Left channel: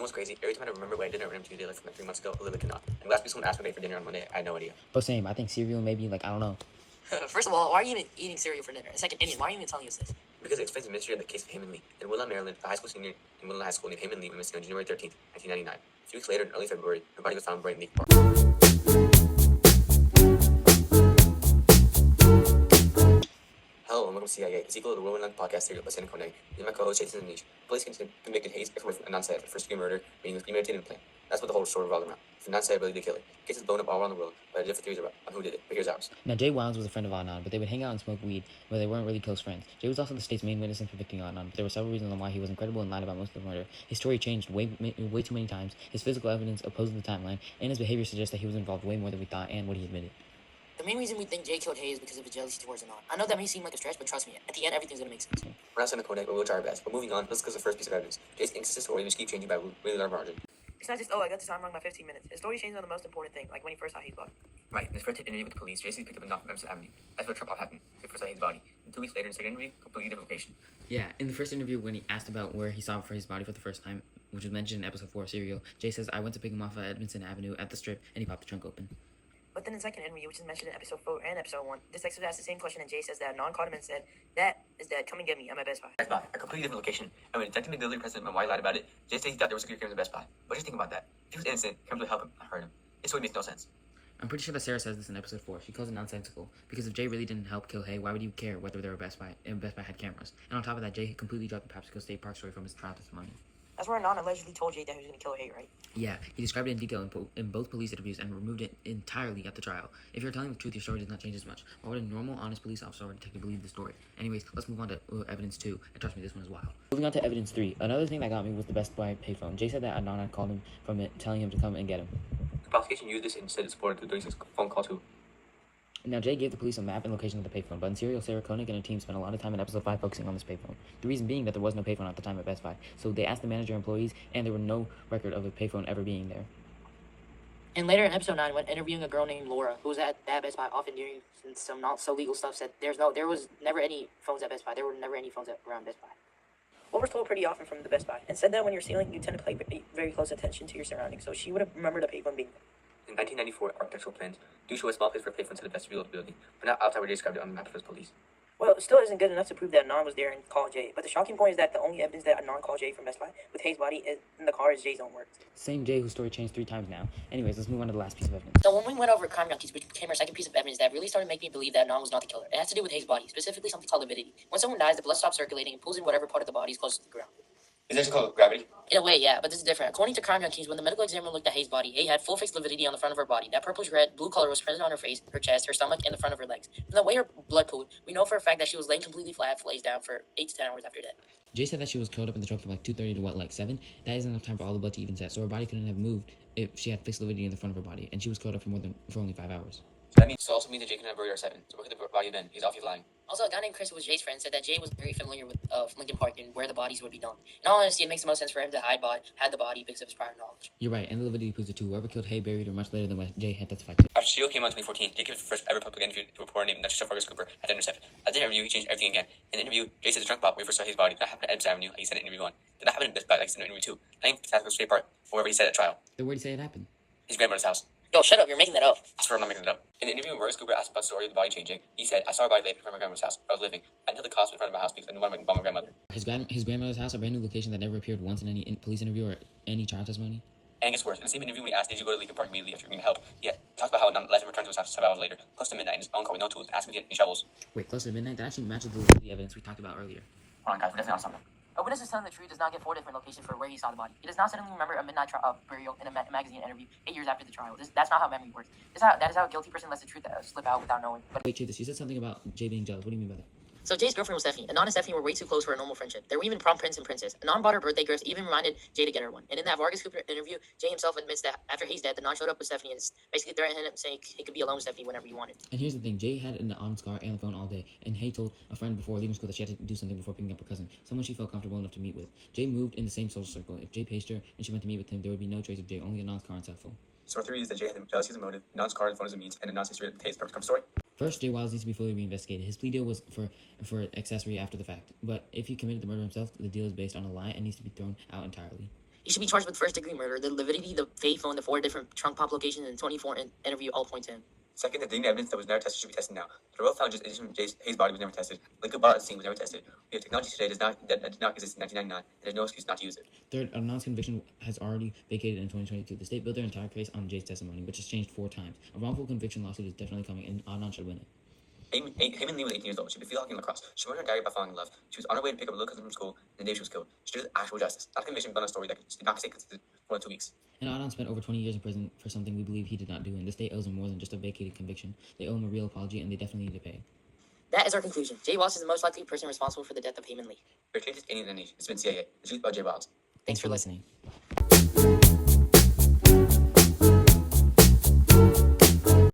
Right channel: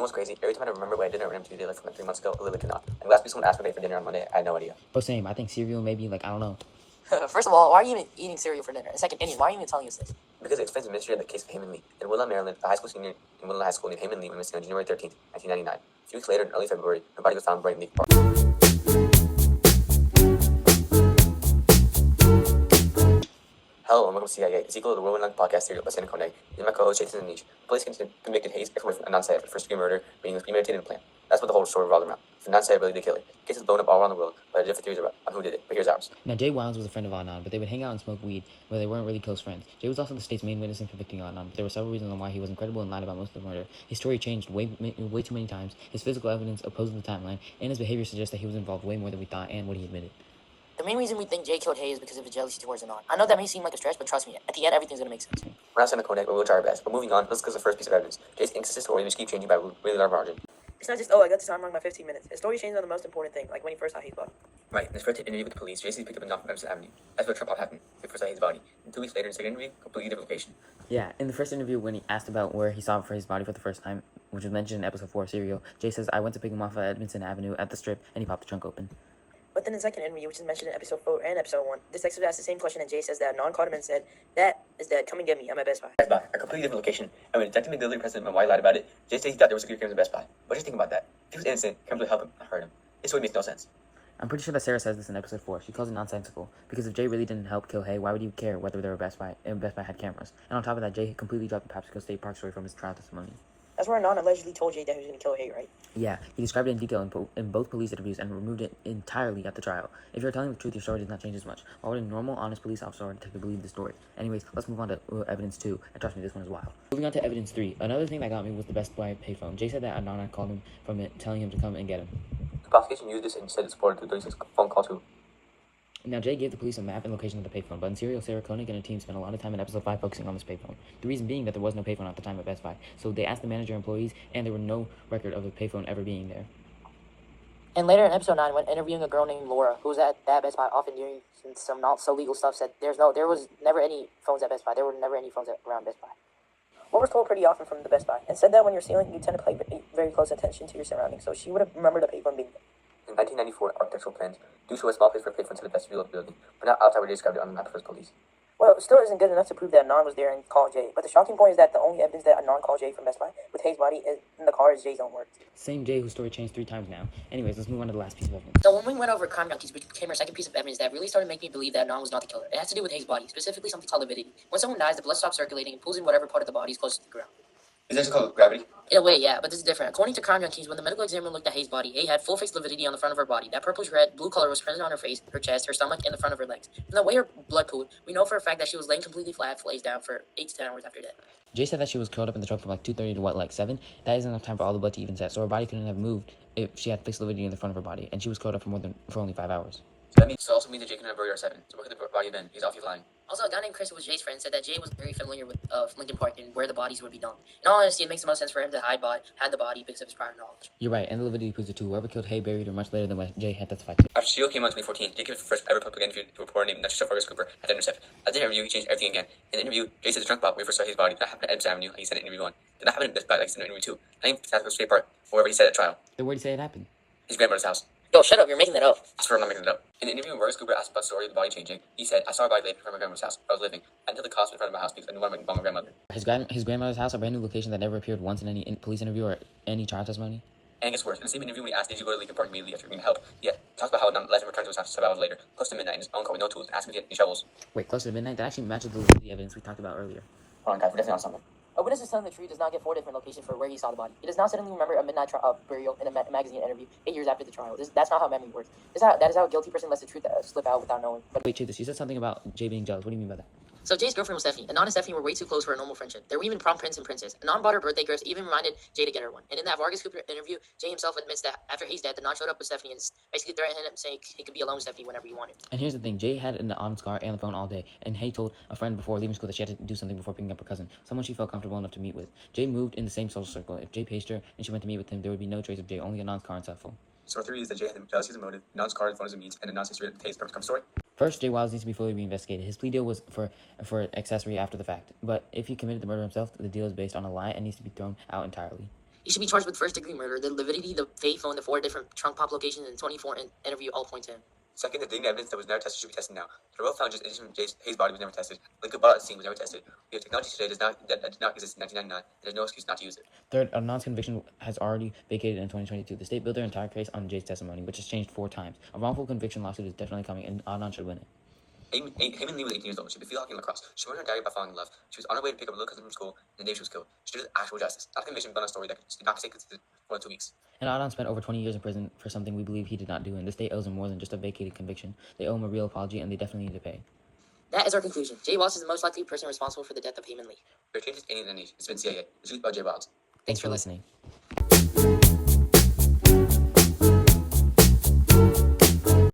know what's crazy? Every time I remember what I did at Ram 2 like from like 3 months ago, I literally cannot. And last week someone asked me for dinner on Monday. I had no idea. But same, I think cereal maybe, like, I don't know. First of all, why are you even eating cereal for dinner? And second, Indian, why are you even telling us this? Because it explains the mystery of the case of Heyman Lee. In Woodlawn, Maryland, a high school senior in Woodlawn High School named Heyman Lee went missing on January 13th, 1999. A few weeks later, in early February, her body was found in Brighton Lake Park. Hello and welcome to CIA, the sequel to the Whirlwind podcast serial by Santa Koenig. This is my co-host Jason Niche. Police convicted Hayes, ex-wife of Anand Sayed, for first-degree murder, meaning it was premeditated and planned. That's what the whole story revolved around. For Anand Sayed ability to kill it. The case is blown up all around the world, but there are different theories on who did it. But here's ours. Now, Jay Wilds was a friend of Adnan, but they would hang out and smoke weed, but they weren't really close friends. Jay was also the state's main witness in convicting Adnan, but there were several reasons on why he was incredible and lied about most of the murder. His story changed way too many times, his physical evidence opposed the timeline, and his behavior suggests that he was involved way more than we thought and what he admitted. The main reason we think Jay killed Hayes is because of his jealousy towards Anand. I know that may seem like a stretch, but trust me, at the end, everything's gonna make sense. We're not Santa Koenig, but we'll try our best. But moving on, let's look at the first piece of evidence. Jay's inconsistent story just keep changing by really large margin. It's not just, oh, I got the time wrong by 15 minutes. His story changed on the most important thing, like when he first saw Hayes' body. Right, in his first interview with the police, Jay picked up a knock from Emerson Avenue. That's where Trump happened. He first saw his body. And 2 weeks later, in the second interview, completely different location. Yeah, in the first interview, when he asked about where he saw his body for the first time, which was mentioned in episode 4 of Serial, Jay says, I went to pick him off at Edmondson Avenue at the Strip, and he popped the trunk open. But then in the second interview, which is mentioned in episode 4 and episode 1, this detective asked the same question, and Jay says that Anand called him and said, that is dead, come and get me, I'm at Best Buy. Best Buy, a completely different location. And when Detective McGillicuddy pressed him on why he lied about it, Jay said he thought there was security cameras at Best Buy. What do you think about that? If he was innocent, cameras would help him, not hurt him. This story makes no sense. I'm pretty sure that Sarah says this in episode 4. She calls it nonsensical. Because if Jay really didn't help kill Hay, why would you care whether there were Best Buy and Best Buy had cameras? And on top of that, Jay completely dropped the Popsicle State Park story from his trial testimony. That's where Anand allegedly told Jay that he was going to kill Hay, right? Yeah, he described it in detail in both police interviews and removed it entirely at the trial. If you're telling the truth, your story does not change as much. Why would a normal, honest police officer or detective believe the story? Anyways, let's move on to evidence 2, and trust me, this one is wild. Moving on to evidence 3, another thing that got me was the Best Buy payphone. Jay said that Adnan called him from it, telling him to come and get him. The prosecution used this instead of supported the 36 phone call too. Now, Jay gave the police a map and location of the payphone, but in Serial, Sarah Koenig and her team spent a lot of time in episode 5 focusing on this payphone. The reason being that there was no payphone at the time at Best Buy, so they asked the manager and employees, and there were no record of a payphone ever being there. And later in episode 9, when interviewing a girl named Laura, who was at that Best Buy often doing some not so legal stuff, said there was never any phones at Best Buy. There were never any phones around Best Buy. What was told pretty often from the Best Buy, and said that when you're sailing, you tend to pay very close attention to your surroundings, so she would have remembered a payphone being there. In 1994, architectural plans do show a small place for a payphone to the vestibule of the building, but not outside where they described it on the map for the police. Well, it still isn't good enough to prove that Anand was there and called Jay. But the shocking point is that the only evidence that Anand called Jay from Best Buy with Hayes' body in the car is Jay's own words. Same Jay whose story changed 3 times now. Anyways, let's move on to the last piece of evidence. So when we went over crime junkies, which became our second piece of evidence that really started making me believe that Anand was not the killer. It has to do with Hayes' body, specifically something called avidity. When someone dies, the blood stops circulating and pulls in whatever part of the body is closest to the ground. Is this called gravity? In a way, yeah, but this is different. According to crime junkies, when the medical examiner looked at Hayes' body, Hay had full-face lividity on the front of her body. That purplish-red, blue color was present on her face, her chest, her stomach, and the front of her legs. From the way her blood pooled, we know for a fact that she was laying completely flat, face down for 8 to 10 hours after death. Jay said that she was curled up in the truck from like 2:30 to like 7. That isn't enough time for all the blood to even set, so her body couldn't have moved if she had fixed lividity in the front of her body, and she was curled up for only 5 hours. So that also means that Jay couldn't have buried her 7. So what could the body have been? He's obviously lying. Also, a guy named Chris, who was Jay's friend, said that Jay was very familiar with Lincoln Park and where the bodies would be dumped. In all honesty, it makes the most sense for him to hide the body because of his prior knowledge. You're right, and the lividity proves it too. Whoever killed Hay buried her much later than what Jay had testified to. After Seal came out in 2014, Jay gave his first ever public interview to a reporter named Natasha Fargus Cooper at the Intercept. At the interview, he changed everything again. In the interview, Jay said the trunk pop where he first saw his body did not happen at Edmonds Avenue, like he said in interview 1. Did not happen in Best Buy, like he said in interview 2. Not even Pasco State Park, or wherever he said at trial. Then where did he say it happened? His grandmother's house. Yo, shut up, you're making that up. I swear I'm not making it up. In the interview, Fargus Cooper asked about the story of the body changing. He said, I saw a body laying in front of my grandmother's house where I was living. I knew the cost in front of my house because I knew I went about my grandmother. His grandmother's house, a brand new location that never appeared once in any police interview or any trial testimony. And it gets worse. In the same interview, when he asked, did you go to Lincoln Park immediately after getting help? Yeah, talks about how Nunn let him return to his house 7 hours later, close to midnight in his own car with no tools, and asked him to get any shovels. Wait, close to midnight? That actually matches the evidence we talked about earlier. Hold on, guys, we're definitely on something. A witness who's telling the truth does not get 4 different locations for where he saw the body. He does not suddenly remember a midnight burial in a magazine interview 8 years after the trial. That's not how memory works. That is how a guilty person lets the truth slip out without knowing. But Wait, Chase, you said something about Jay being jealous. What do you mean by that? So Jay's girlfriend was Stephanie, and Anand and Stephanie were way too close for a normal friendship. They were even prom prince and princess. Anand bought her birthday gifts, even reminded Jay to get her one. And in that Vargas Cooper interview, Jay himself admits that after he's dead, Anand showed up with Stephanie and basically threatened him, saying he could be alone with Stephanie whenever he wanted. And here's the thing, Jay had an Adam's car and the phone all day, and Hay told a friend before leaving school that she had to do something before picking up her cousin, someone she felt comfortable enough to meet with. Jay moved in the same social circle. If Jay paged her and she went to meet with him, there would be no trace of Jay, only Anand's car and cell phone. So our theory is that Jay had jealousy as a motive, Nun's car and phone as a means, and Nun's history at the case part become story. First, Jay Wiles needs to be fully reinvestigated. His plea deal was for accessory after the fact, but if he committed the murder himself, the deal is based on a lie and needs to be thrown out entirely. He should be charged with first-degree murder. The lividity, the fate phone, the 4 different trunk pop locations, and 24 interview all point to him. Second, the DNA evidence that was never tested should be tested now. The real found just addition to Hayes' body was never tested. Liquid bottle at scene was never tested. We have technology today that did not exist in 1999, and there's no excuse not to use it. Third, Adnan's conviction has already vacated in 2022. The state built their entire case on Jay's testimony, which has changed 4 times. A wrongful conviction lawsuit is definitely coming, and Adnan should win it. Heyman Lee was 18 years old. She was hockey and lacrosse. She wrote her diary by falling in love. She was on her way to pick up a little cousin from school, and the day she was killed. She deserves actual justice, not a conviction but on a story that did not take more than 2 weeks. And Adnan spent over 20 years in prison for something we believe he did not do, and the state owes him more than just a vacated conviction. They owe him a real apology, and they definitely need to pay. That is our conclusion. Jay Wallace is the most likely person responsible for the death of Heyman Lee. Their changes alien in the nation. It's been CIA. It's used by Jay Wallace. Thanks for listening.